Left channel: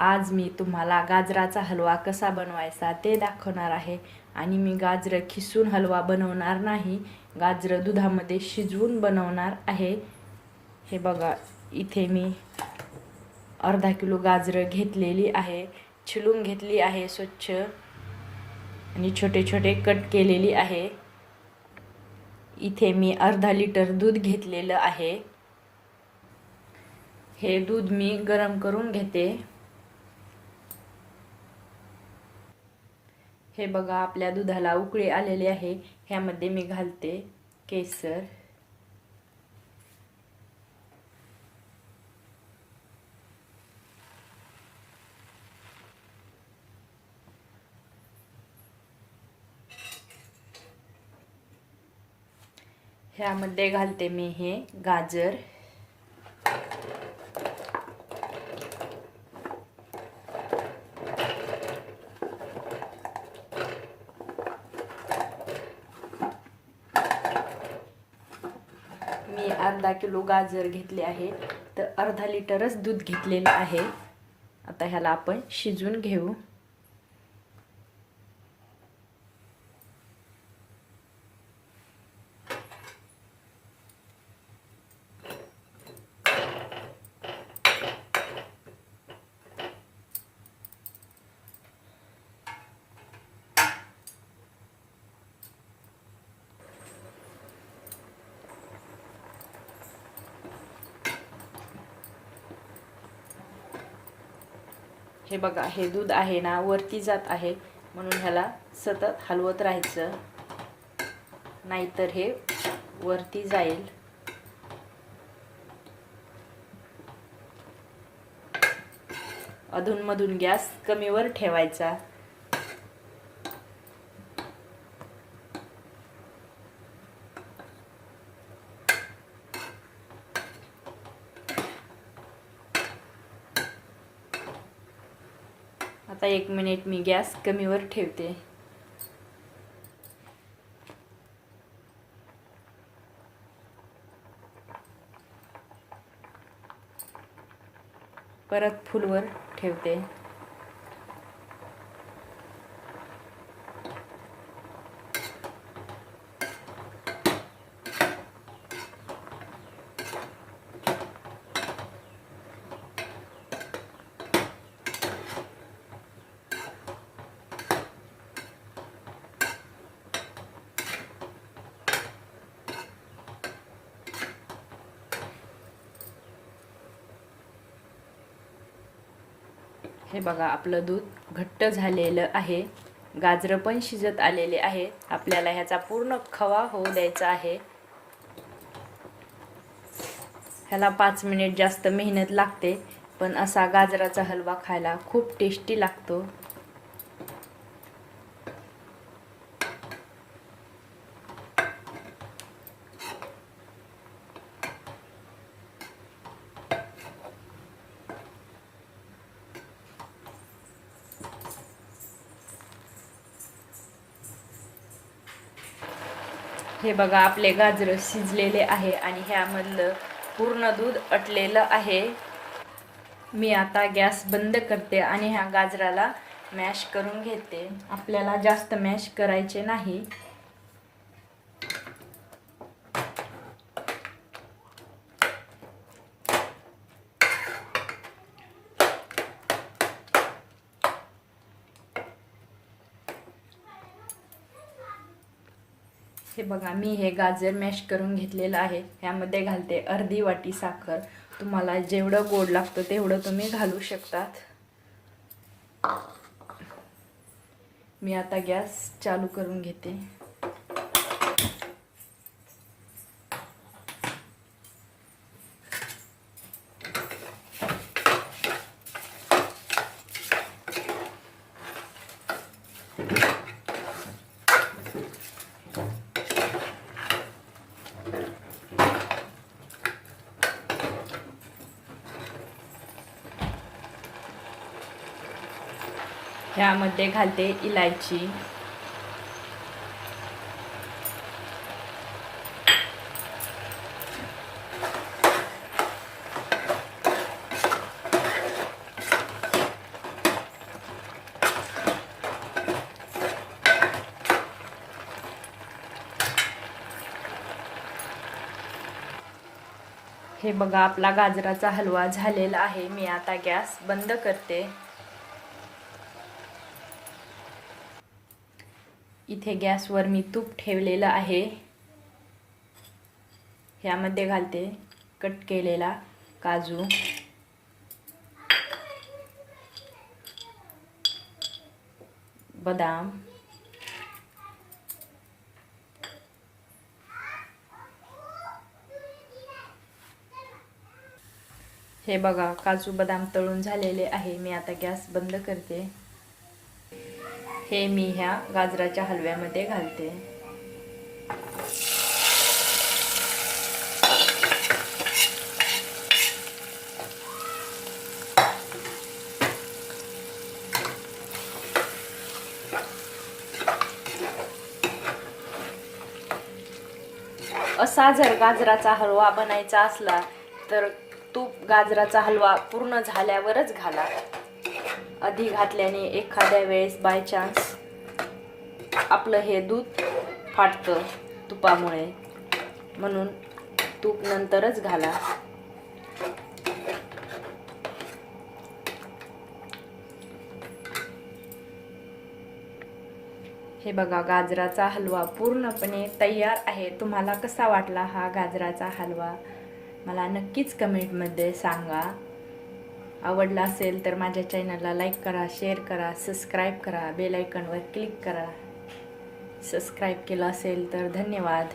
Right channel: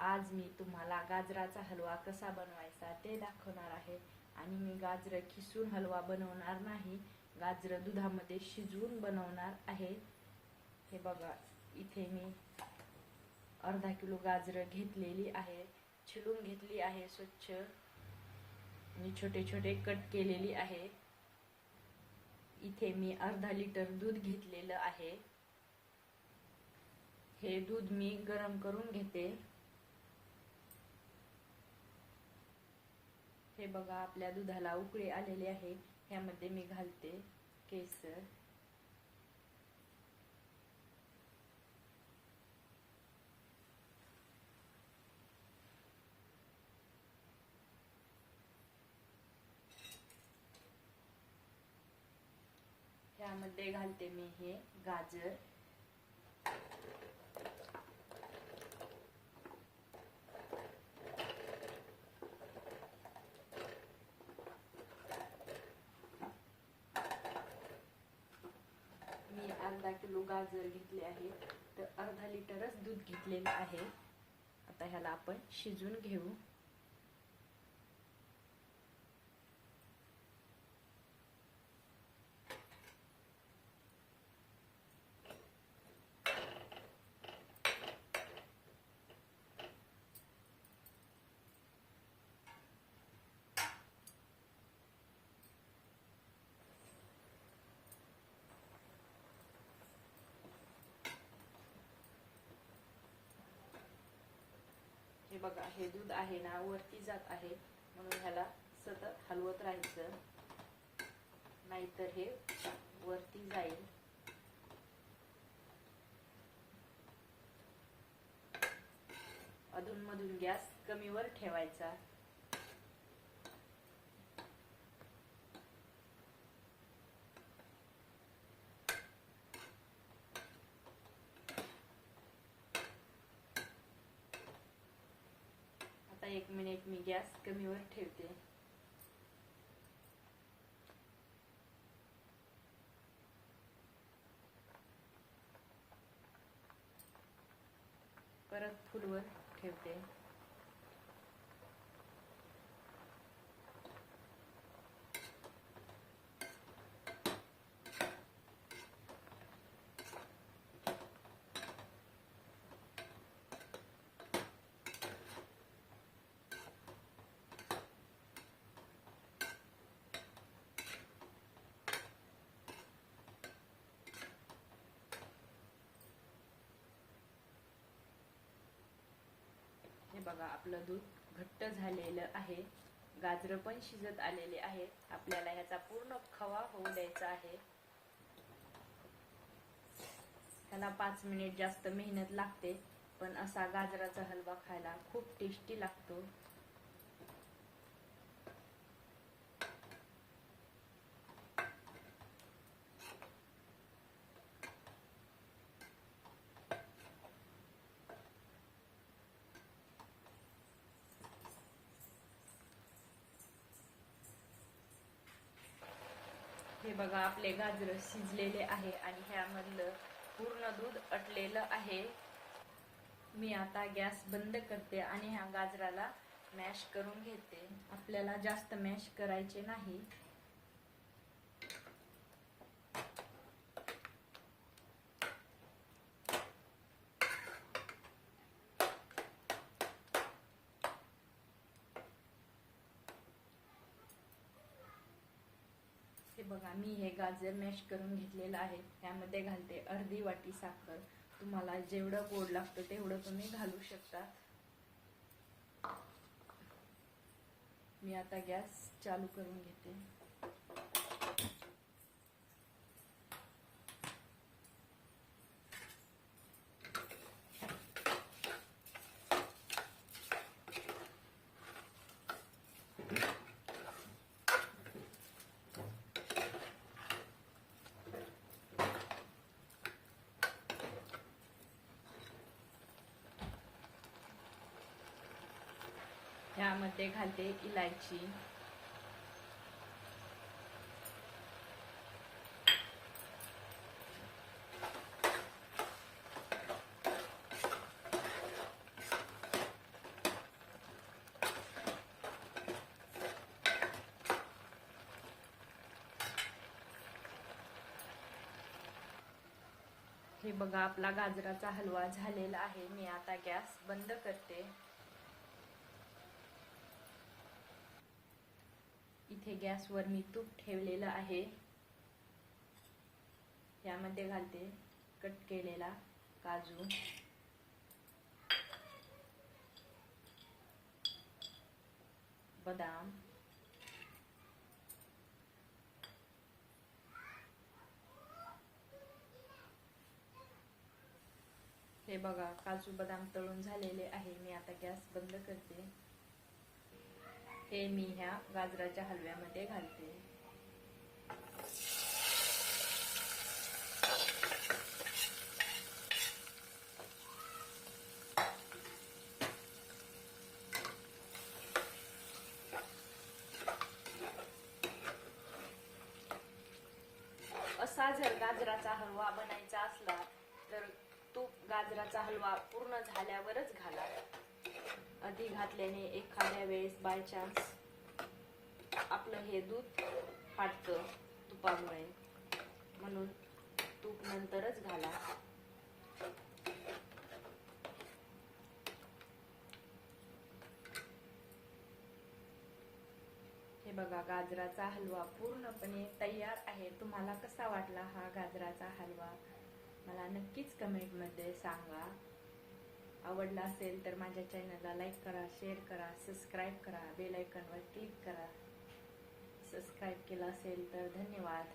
आज मी तुम्हाला गाजराचा हलवा कसा बनवायचा ते दाखवणार आहे. आणि मी गाजरं खिसून हलवा बनवणार नाही. गाजरं दुधामध्ये शिजवून बनवणार आहे. हे बघा इथे मी अर्धा किलो गाजरं घेतलेली आहे. छिलून घेतली आहे स्वच्छ. आणि छोटे छोटे कट केलेली आहे. इथे मी अर्धा लिटर दूध घेतलेलं आहे. हे दूध मी गरम करून घेते. हे बघा आपल्या दुधाला उकळी आलेली आहे. ह्यामध्ये मी घालते केसर. ह्यामध्ये घालते मी हे गाजर मी अर्धा किलो गाजर घेतले आहे. तर अर्धा लिटरच दूध घेतलेलं आहे. आता ह्याला आपण शिजवून घेऊ. हे बघा हे दूध आहे ना वरती जात आहे. म्हणून ह्याला सतत हलवत राहायचं. नाहीतर हे वरती जाईल. अधूनमधून गॅस कमीवर ठेवायचा. आता एक मिनिट मी गॅस कमीवर ठेवते. परत फुलवर ठेवते. हे बघा आपलं दूध घट्ट झालेलं आहे. गाजरं पण शिजत आलेले आहे. आपल्याला ह्याचा पूर्ण खवा होऊ द्यायचा आहे. ह्याला पाच मिनिट जास्त मेहनत लागते पण असा गाजराचा हलवा खायला खूप टेस्टी लागतो. हे बघा आपले गाजरं शिजलेले आहे आणि ह्यामधलं पूर्ण दूध अटलेलं आहे. मी आता गॅस बंद करते आणि ह्या गाजराला मॅश करून घेते. आपल्याला जास्त मॅश करायचे नाही. हे बघा मी हे गाजर मॅश करून घेतलेलं आहे. ह्यामध्ये घालते अर्धी वाटी साखर. तुम्हाला जेवढं गोड लागतं तेवढं तुम्ही घालू शकतात. मी आता गॅस चालू करून घेते. ह्यामध्ये घालते इलायची. हे बघा आपला गाजराचा हलवा झालेला आहे. मी आता गॅस बंद करते. इथे गॅसवर मी तूप ठेवलेलं आहे. ह्यामध्ये घालते कट केलेला काजू. बदाम. हे बघा काजू बदाम तळून झालेले आहे. मी आता गॅस बंद करते. हे मी ह्या गाजराच्या हलव्यामध्ये घालते. असा जर गाजराचा हलवा बनायचा असला तर तूप गाजराचा हलवा पूर्ण झाल्यावरच घाला. आधी घातल्याने एखाद्या वेळेस बाय चान्स आपलं हे दूध फाटतं तुपामुळे. म्हणून तूप नंतरच घाला. हे बघा गाजराचा हलवा पूर्णपणे तयार आहे. तुम्हाला कसा वाटला हा गाजराचा हलवा? मला नक्कीच कमेंटमध्ये सांगा. आवडला असेल तर माझ्या चॅनलला लाईक करा शेअर करा सबस्क्राईब करा बेलायकनवर क्लिक करा. सबस्क्राईब केलं असेल तर धन्यवाद.